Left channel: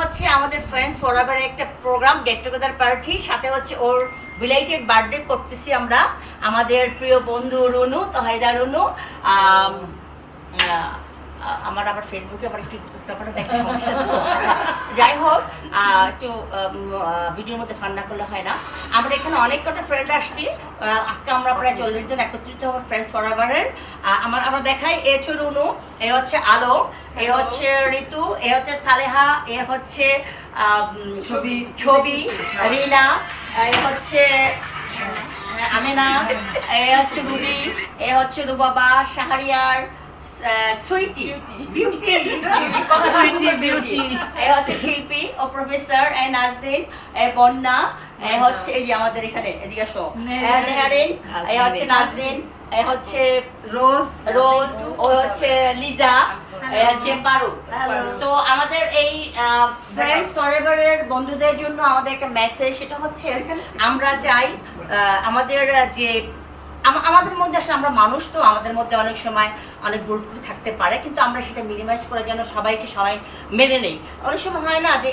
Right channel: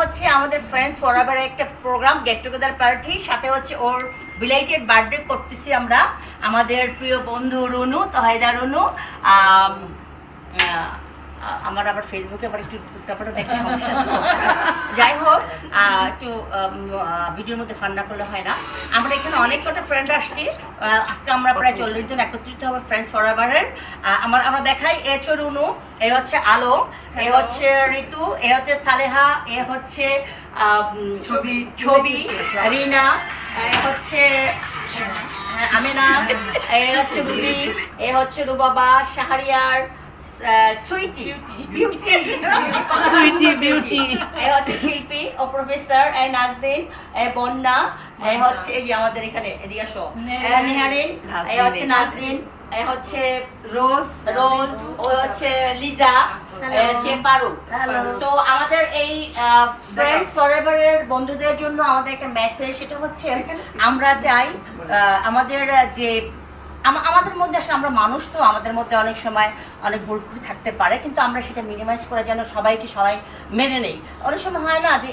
হচ্ছে আমাদের friends forever একটা প্রোগ্রাম গেট টুগেদার পার্টি সাথে হচ্ছে ওর রিলেটেড বার্থডে করতেছি আমরা। আমাদের প্রিয় বন্ধু রনু তহেদা রনু আমার আবার ফেসবুকে আবার একটু উল্টাপাল্টা দেখে একটু ভিডিওর মধ্যে ফান্না করলে হয় না। আমরা এখানে অনেক কটা ফ্রেন্ড আসছি। আজকে আমরা প্রায় চল্লিশ জন একত্রিত হবে ফ্রেন্ডস ফরএভারের আমার আমরা দেখাই এ হচ্ছে রুনু এ হচ্ছে আলো এ হচ্ছে ঋতু এ হচ্ছে সালেহা এ হচ্ছে ছবি ছবি রিনা এ হচ্ছে হ্যাঁ, আমেনা। এ হচ্ছে রুবি এ হচ্ছে রুবাবা শাহরিয়ার সুইটি। বিউটি সুইটি বিউটি এ হচ্ছে শিল্পী ও প্রফেসর এ নাজদিন এ বন্যা এ হচ্ছে এই আমাদের এখানে এদিকে আসো। নেহারিন। এ হচ্ছে নাজদিন এ হচ্ছে রোজ। রোজ ও হচ্ছে লিজা তো আমাদের এই ফ্রেন্ডস ফরএভারের বন্ধুদের জন্য আমাদের একটা মেসেজ সেটা হচ্ছে আমরা চাই আহ, আমাদের যে আমাদের মধ্যে আসলে আমরা মানুষ তো আমাদের মধ্যে অনেক সময় অনেক ভুল ত্রুটি থাকতে পারে কিন্তু আমরা সেটা মিনিমাইজ করে যেন সবাইকে সবাই মেনে নেই। অনেক সময় হয় না যে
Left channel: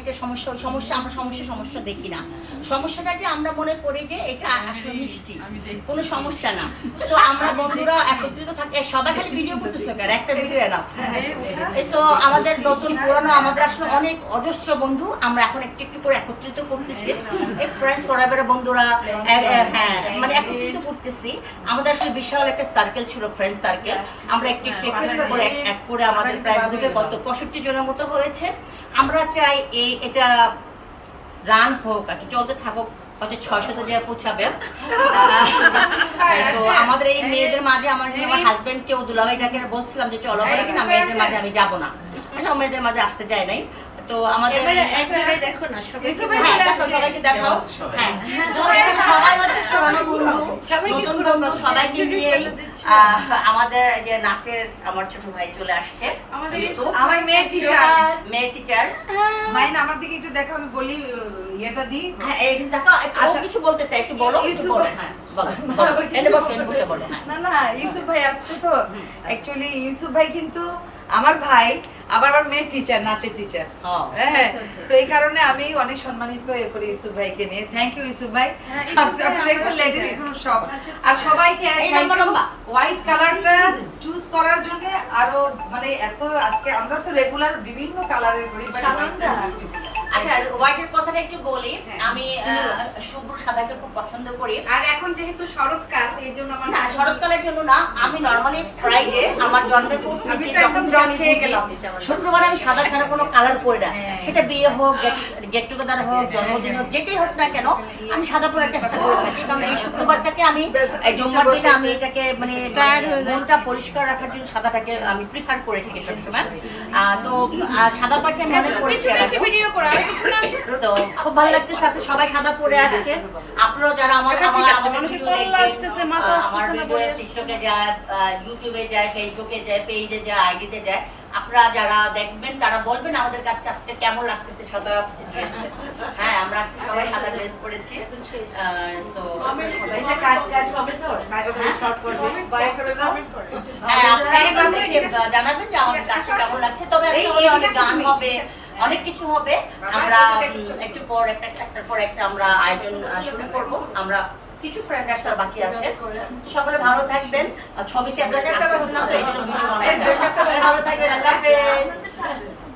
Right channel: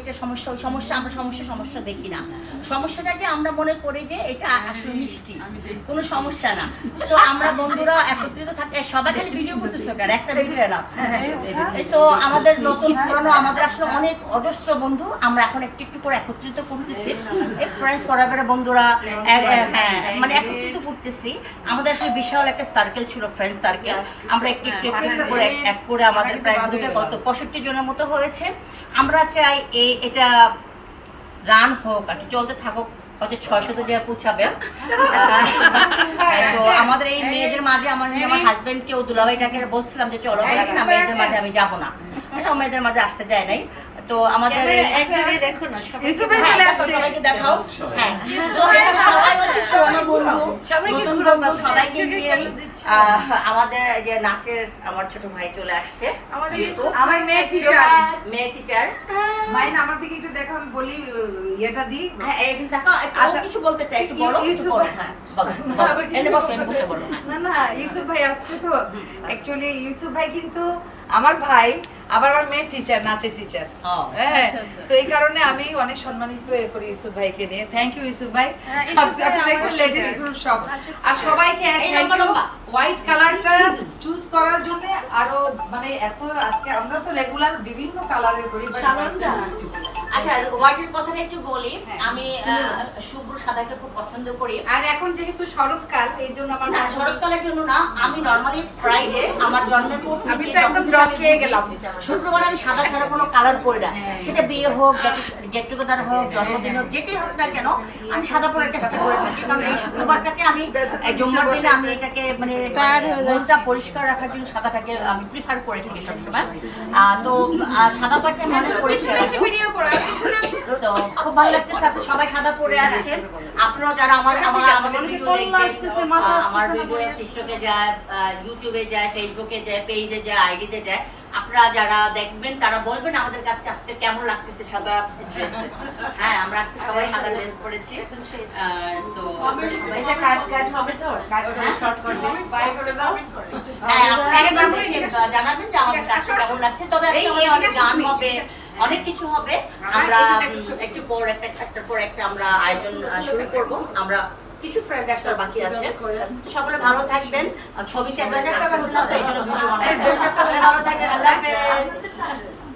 এটা সমস্যা সমস্যা আমরা সমস্যা সমস্যা দেখি না। সমস্যাটাকে আমরা মনে করি যে এটা আসলে মিষ্টি কোনো সমস্যা না। তো আমরা বন্ধুরা একত্রিত থাকি এই সবাই খালি ভিডিও করতেছে কেন? একটা ভিডিও এনাফ তো আমাদের নতুন পুরনো আমাদের আসলে অনেক অজস্র বন্ধু আমরা এখন একটু একটু করে একত্রিত করতেছি। এই ফ্রেন্ডস ফরএভারের বন্ধুরা হ্যাঁ মানে আমাদের আসলে বিশাল একটা সার্কেল ছিল ফ্রেন্ড সার্কেল আমরা একটু একটু করে এক এক করে আমাদের প্রায় কত? পঁয়ষট্টি জনের মতো হয়েছে। আমরা চাই এই এটা রান হোক আর কি চলতে থাকুক। হয়তো ছয়শত যে পৌঁছাবে। তো আমাদের এই মেয়েদের মাঝে আমার আমার দুলাভাইটাকে বলছিলাম যে চলো বলে কিনা মেয়েদের মাঝে আমি যাব না। মেয়েদের মাঝে আসতে যায় নাই। তো আমাদের দেখো না হ্যাঁ, সবাইকে দেখাও। হ্যাঁ। সবাই হচ্ছে পুরনো বন্ধু সবাইকে নতুন বন্ধু, সবাইকে নিয়ে আমাদের যে নাচের আমার ছোট ভাই চলে আসছে। আমাদের আমার মেয়ের টিচার মেয়ে টিচার মাইন আমার দিকে একটু দেখো আমি বলি ইয়েটা দি হ্যাঁ এই দেখো একটু আচ্ছা। কিছু বলতে চাই একটু বলো হ্যাঁ বলো হ্যাঁ। না না ইউসুফ ভাই আসছে তো। অ্যাকচুয়ালি ইউসুফ ভাই কিন্তু আমার ভাই আবার আমার মেয়ের টিচার নাচের টিচার হ্যাঁ আচ্ছা, আচ্ছা। তো এই কারণে আমি অনেক সম্মানিত এ করি ইউসুফ ভাইকে নিয়ে। থ্যাংক ইউ ইউসুফ ভাই। আপনি আপনি দেখছেন লেটেস্ট গ্রুপ সব। আর সবাইকে। হোয়াইট কালারটা চুজ করার জন্য আরও মানে এত আজকে আমরা তো রেগুলার বিভিন্ন কালারের করি আচ্ছা হোয়াইটের কথাটা একটু বলি। হ্যাঁ। আমি শুভ্র সাদাকে খুব পছন্দ করি। আর এখন যেহেতু শরৎকাল এই জন্য আমার না শরৎকালের জন্য না আমি নর্মালি ফ্রাইডে আমার জন্মের পর আমি তো একদম রং খেয়ে গেলাম। শুক্রবার আমি সাদা ছাড়া কোনো কালার পরি না। সেটা বিয়ে হোক গেট টুগেদার হোক জন্মদিন হোক যেটাই হোক না কেন আমি সাদা পরার চেষ্টা করে থাকি। কারণ এই শুক্রবারটাকে আমি জুম্মার দিনে আমি এটাকে মানে। মনটা পরিষ্কার রাখার জন্য সাদাটাকে আমি প্রিফার করে থাকি সবসময়। তো সাদা পাটি আমি অনেক করেছি তো খুব ভালো লাগতেছে আপনি সবাই সাদা পরে আসছেন আপনারাও যারা আমার আমার ভিডিও টিকটকে যায় ইউটিউবে যায় ফেসবুকে যায় পেজে যায় আইডিতে যায়। আপনারা যারা দেখবেন তারা বলবেন আমাদের কাছে আজকে কেমন লাগতেছে সাদা ড্রেসে হ্যাঁ আমরা আজকে সবাই সাদা ড্রেস পরেছি। সো সবাই কাট কাট হবে তো কাট শর্ট করবে বাই করে দাও হ্যাঁ আপনারা জানাবেন যে আমাদের কাছে কেমন লাগছে। তবে আজকে অনেক গান হবে অনেক কিছু হবে। আমরা একটু পর একটা পর একটা আমরা আয়োজন শুরু করব। আমরা কিছু ফ্রেন্ড আসার বাকি আছে সকলে ভালো থাকবেন আর ছবিতে বানাই ভালো থাকবেন আল্লাহ হাফেজ